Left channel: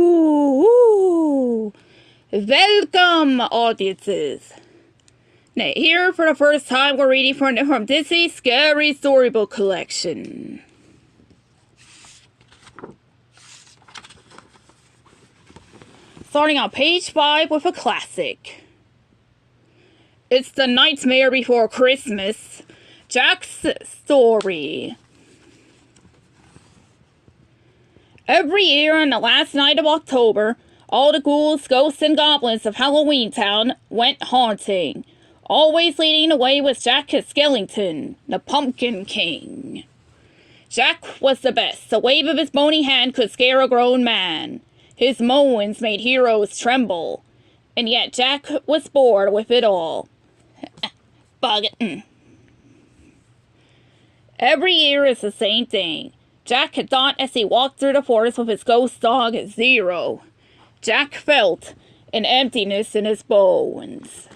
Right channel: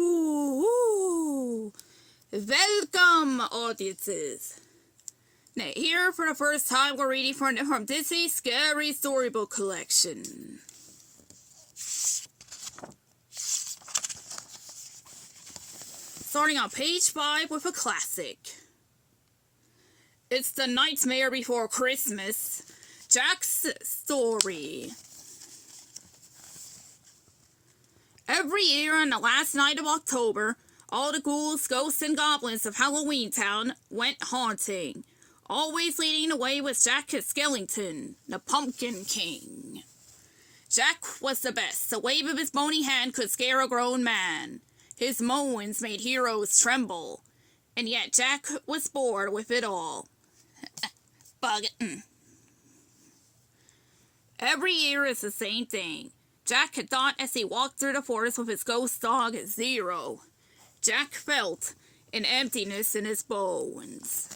Ooh. Welcome, audiences. Now, here for the first time, we're reading from Disney's Scary Storybook Collection. Starting on page 5 with a classic. It's the Nightmare Before Christmas, Jack's Story. Every year on the last night of October, all the ghouls, ghosts, and goblins of Halloween Town went haunting. Always leading the way was Jack Skellington, the Pumpkin King. Jack was the best. A wave of his bony hand could scare a grown man. His moans made heroes tremble. And yet Jack was bored with it all. Bug it. Every year is the same thing. Jack had thought as he walked through the forest with his ghost dog, Zero. Jack felt an emptiness in his bones.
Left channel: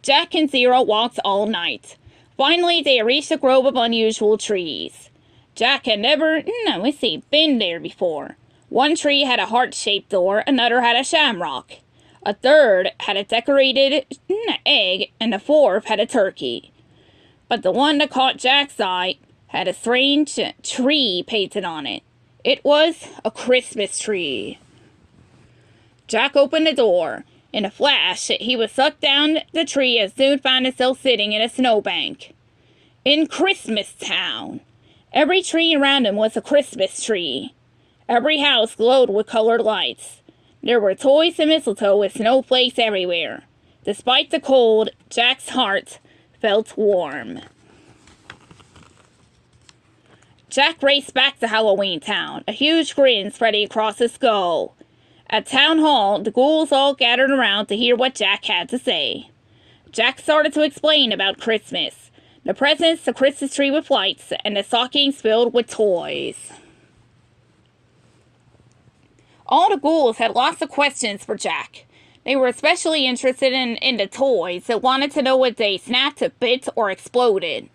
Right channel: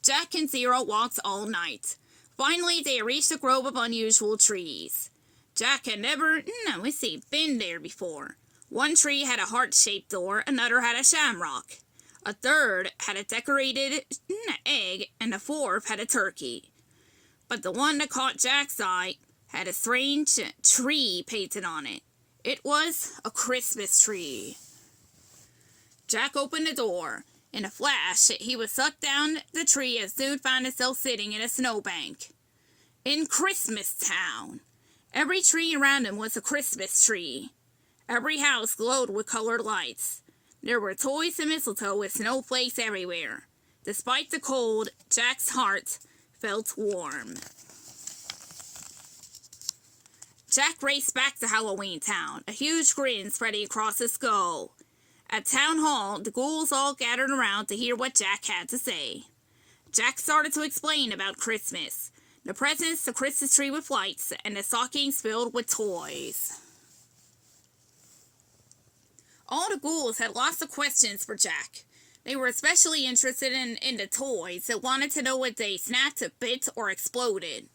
Jack and Zero walked all night. Finally, they reached a grove of unusual trees. Jack had never, been there before. One tree had a heart-shaped door, another had a shamrock. A third had a decorated egg, and the fourth had a turkey. But the one that caught Jack's eye had a strange tree painted on it. It was a Christmas tree. Jack opened the door. In a flash, he was sucked down the tree and soon found himself sitting in a snowbank. In Christmas Town. Every tree around him was a Christmas tree. Every house glowed with colored lights. There were toys and mistletoe with snowflakes everywhere. Despite the cold, Jack's heart felt warm. Jack raced back to Halloween Town, a huge grin spreading across his skull. At Town Hall, the ghouls all gathered around to hear what Jack had to say. Jack started to explain about Christmas. The presents, the Christmas tree with lights, and the stockings filled with toys. All the ghouls had lots of questions for Jack. They were especially interested in the toys and wanted to know if they snapped, bit, or exploded.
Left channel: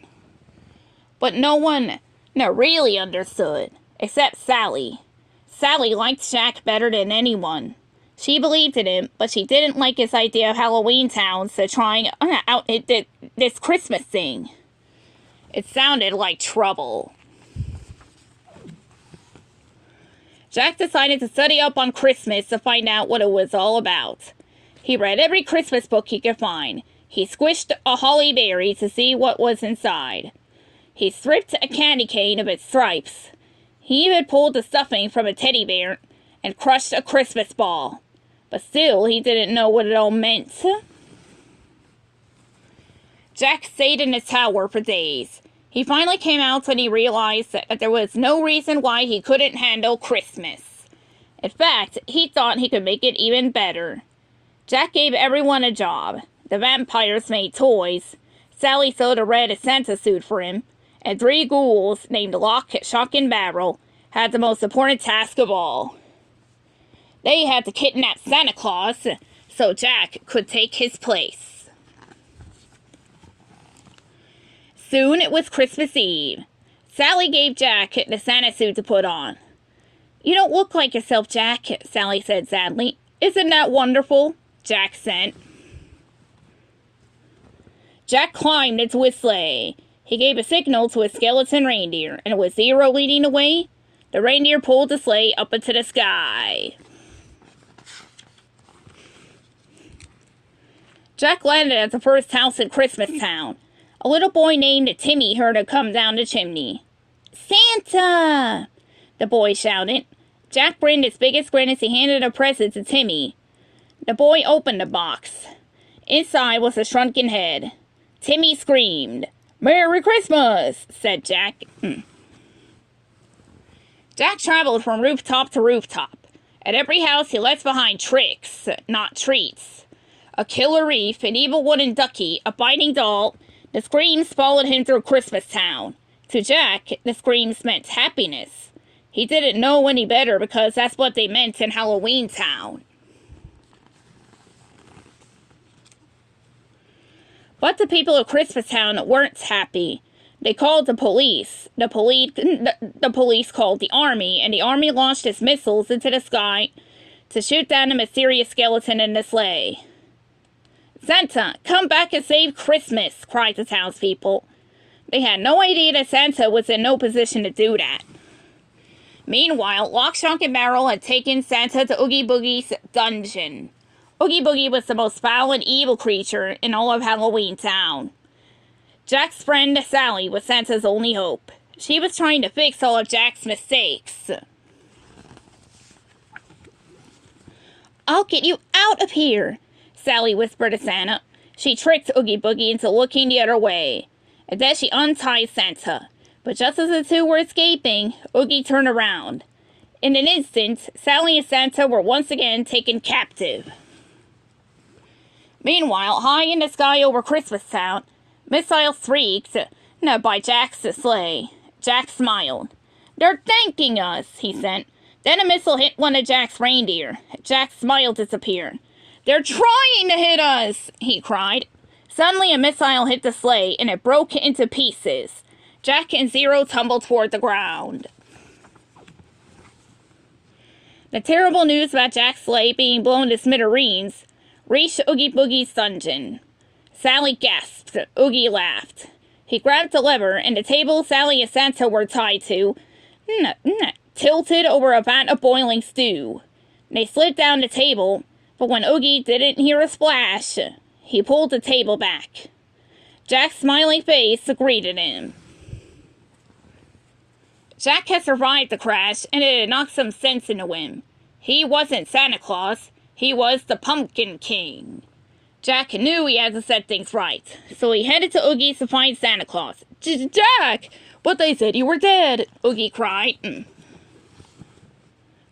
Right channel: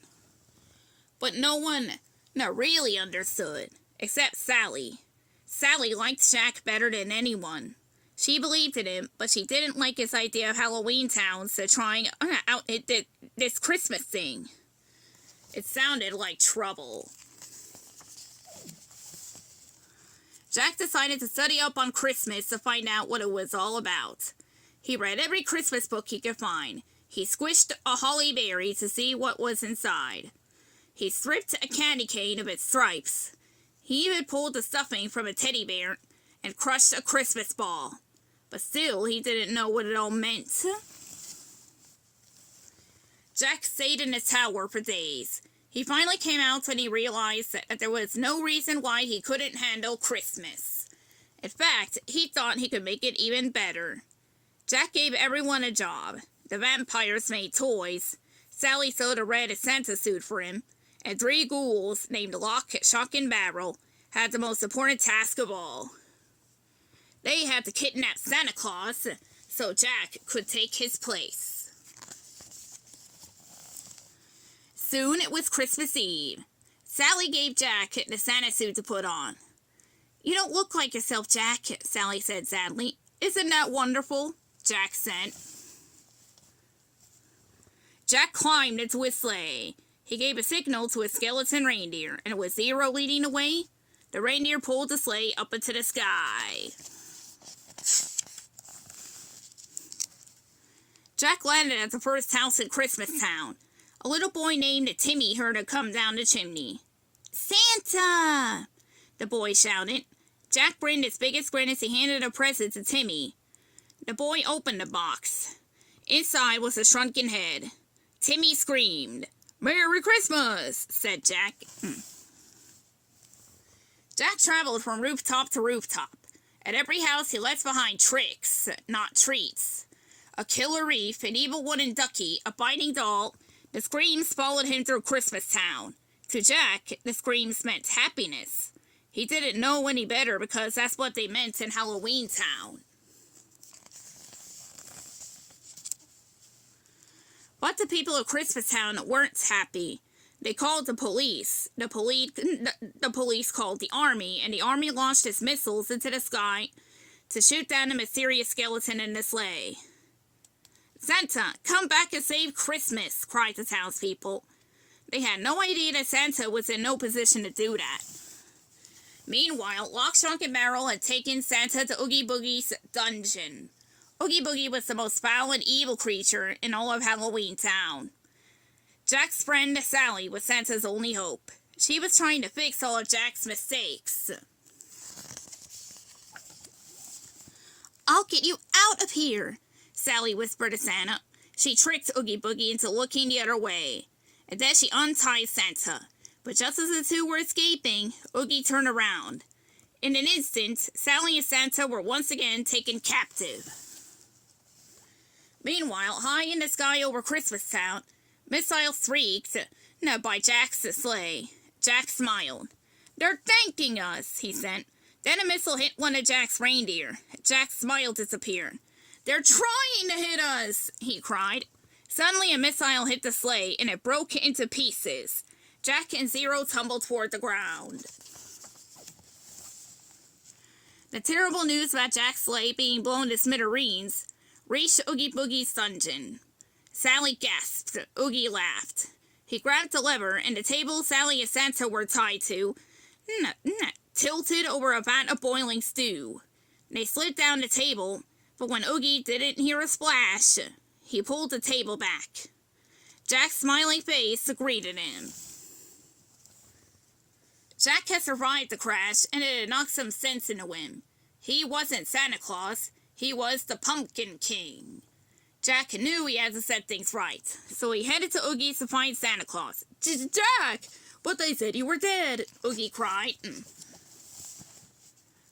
But no one really understood, except Sally. Sally liked Jack better than anyone. She believed in him, but she didn't like his idea of Halloween Town to trying out this Christmas thing. It sounded like trouble. Jack decided to study up on Christmas to find out what it was all about. He read every Christmas book he could find. He squished a holly berry to see what was inside. He stripped a candy cane of its stripes. He even pulled the stuffing from a teddy bear and crushed a Christmas ball. But still, he didn't know what it all meant. Jack stayed in his tower for days. He finally came out when he realized that there was no reason why he couldn't handle Christmas. In fact, he thought he could make it even better. Jack gave everyone a job. The vampires made toys. Sally sewed a red Santa suit for him. And 3 ghouls, named Lock, Shock, and Barrel, had the most important task of all. They had to kidnap Santa Claus so Jack could take his place. Soon it was Christmas Eve. Sally gave Jack the Santa suit to put on. "You don't look like yourself, Jack," Sally said sadly. "Isn't that wonderful?" Jack said. Jack climbed into his sleigh. He gave a signal to his skeleton reindeer, and with Zero leading the way, the reindeer pulled the sleigh up into the sky. Jack landed at the first house in Christmas Town. A little boy named Timmy heard him come down the chimney. "Santa!" the boy shouted. Jack grinned his biggest grin as he handed a present to Timmy. The boy opened the box. Inside was a shrunken head. Timmy screamed. "Merry Christmas," said Jack. Jack traveled from rooftop to rooftop. At every house he left behind tricks, not treats. A killer reef, an evil wooden ducky, a biting doll. The screams followed him through Christmas Town. To Jack, the screams meant happiness. He didn't know any better because that's what they meant in Halloween Town. But the people of Christmas Town weren't happy. They called the police. The police called the army, and the army launched its missiles into the sky to shoot down a mysterious skeleton in the sleigh. "Santa, come back and save Christmas!" cried the townspeople. They had no idea that Santa was in no position to do that. Meanwhile, Lock, Shock, and Barrel had taken Santa to Oogie Boogie's dungeon. Oogie Boogie was the most foul and evil creature in all of Halloween Town. Jack's friend Sally was Santa's only hope. She was trying to fix all of Jack's mistakes. "I'll get you out of here," Sally whispered to Santa. She tricked Oogie Boogie into looking the other way, and then she untied Santa. But just as the two were escaping, Oogie turned around. In an instant, Sally and Santa were once again taken captive. Meanwhile, high in the sky over Christmas Town, missiles shrieked by Jack's sleigh. Jack smiled. "They're thanking us," he said. Then a missile hit one of Jack's reindeer. Jack's smile disappeared. "They're trying to hit us!" he cried. Suddenly a missile hit the sleigh, and it broke into pieces. Jack and Zero tumbled toward the ground. The terrible news about Jack's sleigh being blown to smithereens reached Oogie Boogie's dungeon. Sally gasped. Oogie laughed. He grabbed the lever, and the table Sally and Santa were tied to tilted over a vat of boiling stew. They slid down the table, but when Oogie didn't hear a splash, he pulled the table back. Jack's smiling face greeted him. Jack had survived the crash, and it had knocked some sense into him. He wasn't Santa Claus. He was the Pumpkin King. Jack knew he had to set things right, so he headed to Oogie's to find Santa Claus. "Jack! But they said you were dead!" Oogie cried.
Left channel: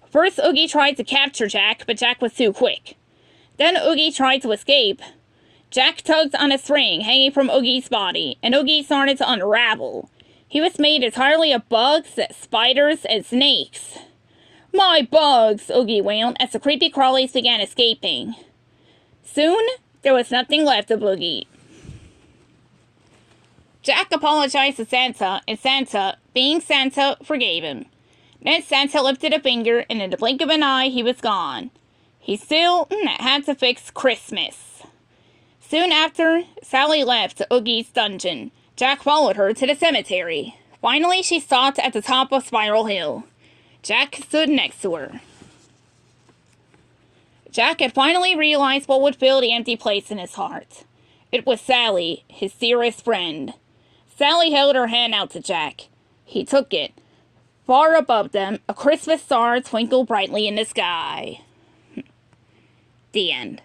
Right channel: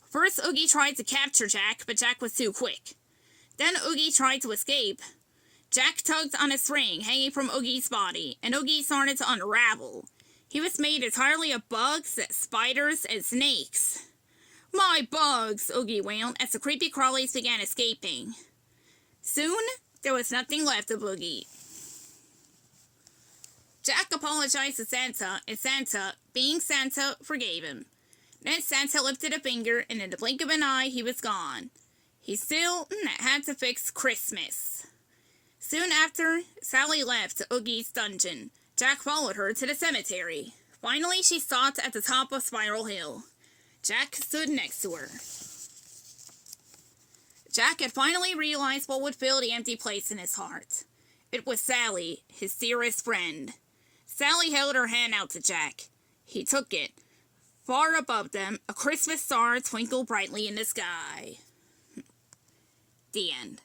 First, Oogie tried to capture Jack, but Jack was too quick. Then Oogie tried to escape. Jack tugged on a string hanging from Oogie's body, and Oogie started to unravel. He was made entirely of bugs, spiders, and snakes. "My bugs!" Oogie wailed as the creepy crawlies began escaping. Soon, there was nothing left of Oogie. Jack apologized to Santa, and Santa, being Santa, forgave him. Then Santa lifted a finger, and in the blink of an eye, he was gone. He still had to fix Christmas. Soon after, Sally left Oogie's dungeon. Jack followed her to the cemetery. Finally, she stopped at the top of Spiral Hill. Jack stood next to her. Jack had finally realized what would fill the empty place in his heart. It was Sally, his dearest friend. Sally held her hand out to Jack. He took it. Far above them, a Christmas star twinkled brightly in the sky. The end.